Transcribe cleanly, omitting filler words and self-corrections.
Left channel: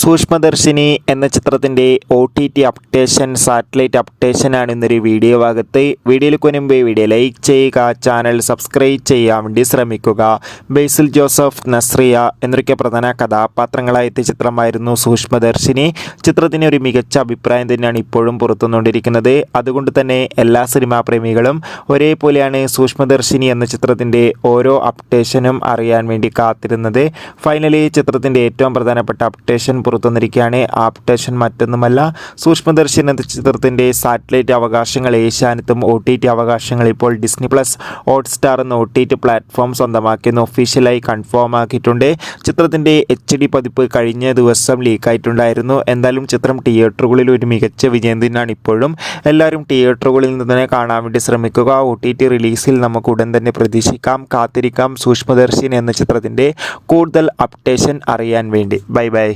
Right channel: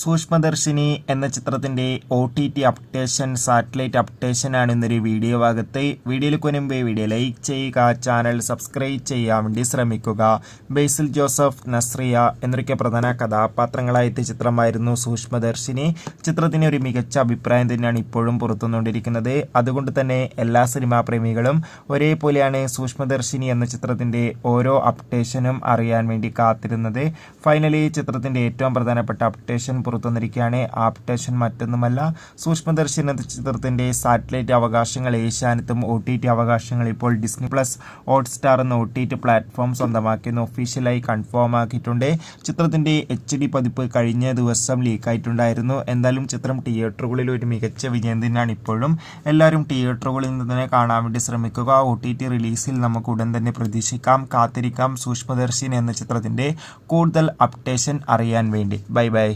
സൂക്ഷ്മദർശിനി എന്ന ചിത്രത്തിൻ്റെ OTT updation, satellite അപ്ഡേഷനാണ് ഇന്നൊരു വീഡിയോ ഭാഗത്ത്. വീഡിയോയിലേക്ക് മുൻപേ വീഡിയോ ലൈക്ക് ചെയ്യുക, ചാനൽ സബ്സ്ക്രൈബ് ചെയ്യാൻ വേണ്ടി ശ്രമിക്കുക. ബേസിൽ ജോസഫ്, നസ്രിയ എന്നൊക്കെ പ്രധാന കഥാപാത്രങ്ങളായ ചിത്രമായിരുന്നു സൂക്ഷ്മദർശിനി. ചിത്രത്തിന് ഒരു മികച്ച അഭിപ്രായം തന്നെയാണ് ഇപ്പോഴും പുറത്തുകൊണ്ടിരിക്കുന്നത്. അതുകൊണ്ട് തന്നെ എല്ലാ സിനിമാ പ്രേമികളും ഒരേപോലെയാണ് സൂക്ഷ്മദർശിനി എന്ന ചിത്രത്തിൻ്റെ ഓരോ അപ്ഡേഷനും അറിയാൻ വേണ്ടി കാത്തിരുന്നത്. ഫൈനലി ചിത്രത്തിൻ്റെ ഏറ്റവും പ്രധാനപ്പെട്ട അപ്ഡേഷൻ പുറത്തുവന്നിരിക്കുകയാണ്. ആ അപ്ഡേഷൻ മറ്റൊന്നുമല്ല, സൂക്ഷ്മദർശിനി എന്ന ചിത്രത്തിൻ്റെ സാറ്റലൈറ്റ് അവകാശങ്ങൾ ഏഷ്യാനെറ്റും OTT അവകാശങ്ങൾ ഇപ്പോൾ ഡിസ്നി പ്ലസ്, ഹോട്ട്സ്റ്റാർ എന്ന OTT പ്ലാറ്റ്ഫോം സ്വന്തമാക്കിയെന്ന് ഒഫീഷ്യലായി കൺഫേം ആക്കിയിട്ടുണ്ട്. ചിത്രത്തിൻ്റെ HD പതിപ്പ് കഴിഞ്ഞ ദിവസം ലീക്കായിട്ടുണ്ടായിരുന്നു. എന്തായാലും ചിത്രം തിയേറ്ററുകളിൽ ഒരു മികച്ച വിജയം തന്നെയാണ് ഇപ്പോഴും. എല്ലാവരും തിയേറ്ററുകളിൽ നിന്ന് തന്നെ കാണാൻ വേണ്ടി ശ്രമിക്കുക. OTT റിലീസിൽ നമുക്ക് ഉടൻ തന്നെ പ്രതീക്ഷിക്കാം, കാത്തിരിക്കാം സൂക്ഷ്മദർശിനി എന്ന ചിത്രത്തിൻ്റെ കൂടുതൽ അപ്ഡേഷൻ അറിയാൻ വേണ്ടി. Bye bye.